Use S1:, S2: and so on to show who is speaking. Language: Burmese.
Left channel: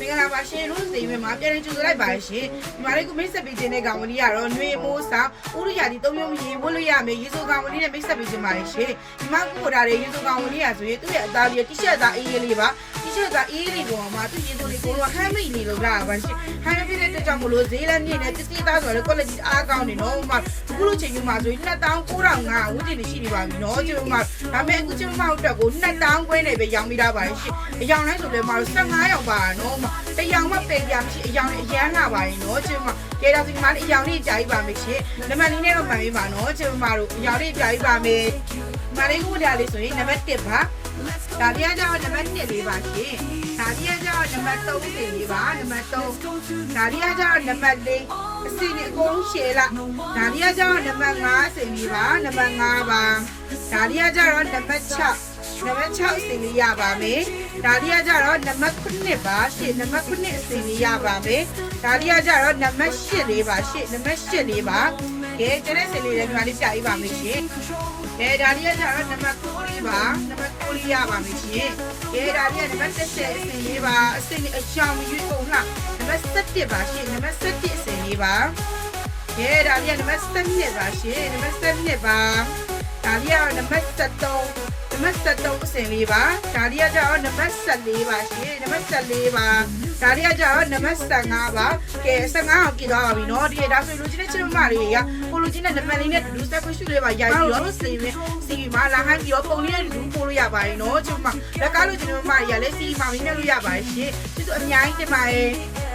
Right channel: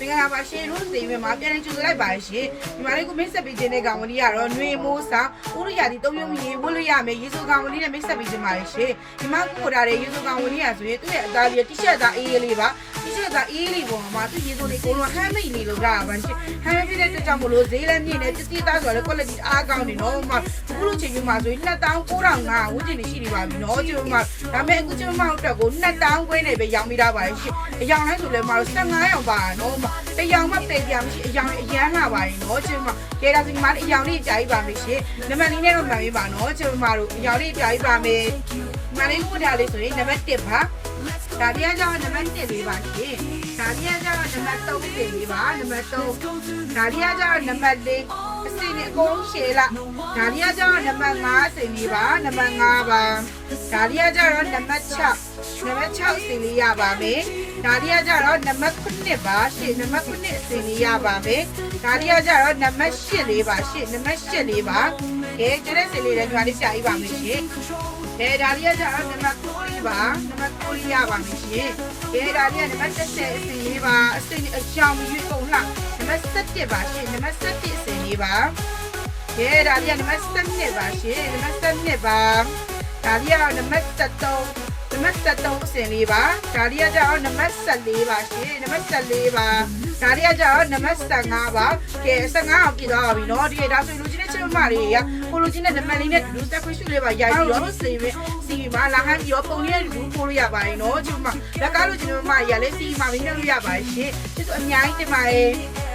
S1: မင်္ဂလာပါရှင်လို့စီမမှာပြန်ကြိုလိုက်ပါရှင်ဒီမှာလေးကိုမိတ်ဆက်ပေးခြင်းတဲ့ကောင်မလေးကတော့နှွေမိုးစာဥရိယာဒီသုံးမျိုးမြင်မို့လို့ရမယ်ရေဆိုကောင်မလေးနဲ့မိတ်ဆက်ပေးခြင်းပါရှင်ဒီမှာကိုထားတဲ့ရေဆိုကောင်မလေးရဆိုရင်သူ့ရဲ့အသားပြီးတိရှက်သားအေးလေးပါ တိရှက်သားအေးလေးပေါ်မှာသူရေဆိုလေးကိုတော့ဟမ်းမိတ်နေလို့လားပါရှင်ဟမ်းမိတ်တဲ့ကြောင့်မလို့ဈေးလည်းမြင့်နေတတိသားဆိုတော့ quality အားကောင်းနေတော့မှအခုလိုချိန်မှာဆိုရင်2900ဝန်းကျင်ရှိနေပါပြီနော်ကျွန်တော်ကဒါပေမဲ့အခုကျွန်တော်တို့ကို2000ခွဲနေပဲရောင်းမိတာပါရှင်အယောင်တိုင်းဆိုလည်းမတို့15ရောင်ပါနော်တရောင်မှပယ်ပြမရှိအယောင်အရန်လာပါရင်နော်ကျွန်တော်ကျေတာစီမလေးအယောင်လေးကြာကြီးပါမယ်ရှင်နံပါတ်လေးနဲ့တော့မှန်ပြီပါနော်ကျွန်တော်တို့အယောင်လေးကြာကြီးပါမယ်မလေးကိုကြလေးဆိုရင်နံပါတ်1ပါ ဒါပြကြတော့နံပါတ်1လေးပါရှင်ဒါပြကြတော့နံပါတ်3လေးပါနံပါတ်3ဒါပြကြတော့နံပါတ်4အစီအကုန်ရှည်လာဒါပြကြတော့နံပါတ်5စင်ကြီးပါနံပါတ်5ပါဒါပြကြတော့နံပါတ်6နံပါတ်6စင်လေးရပါမယ် ဒါပြကြတော့နံပါတ်9ပါရှင်းနံပါတ်9စင်လေးရပါမယ်ဒါပြကြတော့နံပါတ်8လေးပါရှင်းနံပါတ်8လေးပါကဲကျတဲ့စင်လေးလည်းဒါလေးကြာပြီးပါမယ်ရှင်ကဲဒါလေးကြတော့နံပါတ်9လေးပါနံပါတ်9လေးရပါမယ်ရှင်ကဲဒါလေးနံပါတ်10အစင်လေးပါအစင်အချောင်းကြီးပုံလားနံပါတ်7ပါရှင်းနံပါတ်7အစင်လေးပါကဲဒါပြနံပါတ်7ပါရှင်နံပါတ်7ပါဒါပြနံပါတ်73 နံပါတ်73အစင်လေးပါဒါပြကျတော့နံပါတ်14ပါရှင်နံပါတ်14ပါဒါပြကျတော့နံပါတ်15ပါကဲ15အောင်ပြတော့ပြီနော်ဒီဒါဆိုလူချင်းနဲ့ချင်းမလေးရကိုလူချင်းနဲ့နံပါတ်လေးနဲ့လူတက်ခွင့်ရှိလေးပါရိုက်ပြီးတော့စီပြီးစီမှာလာဟမ်းပြီးတော့ပုံလေးလူပို့လို့ရပါတယ်နော်ချင်းမလက်ကားလူချင်းမရလည်းစီမှာမင်းနဲ့လို့ရပါတယ်ရှင်ကျေးဇူးအများကြီးတင်ပါတယ်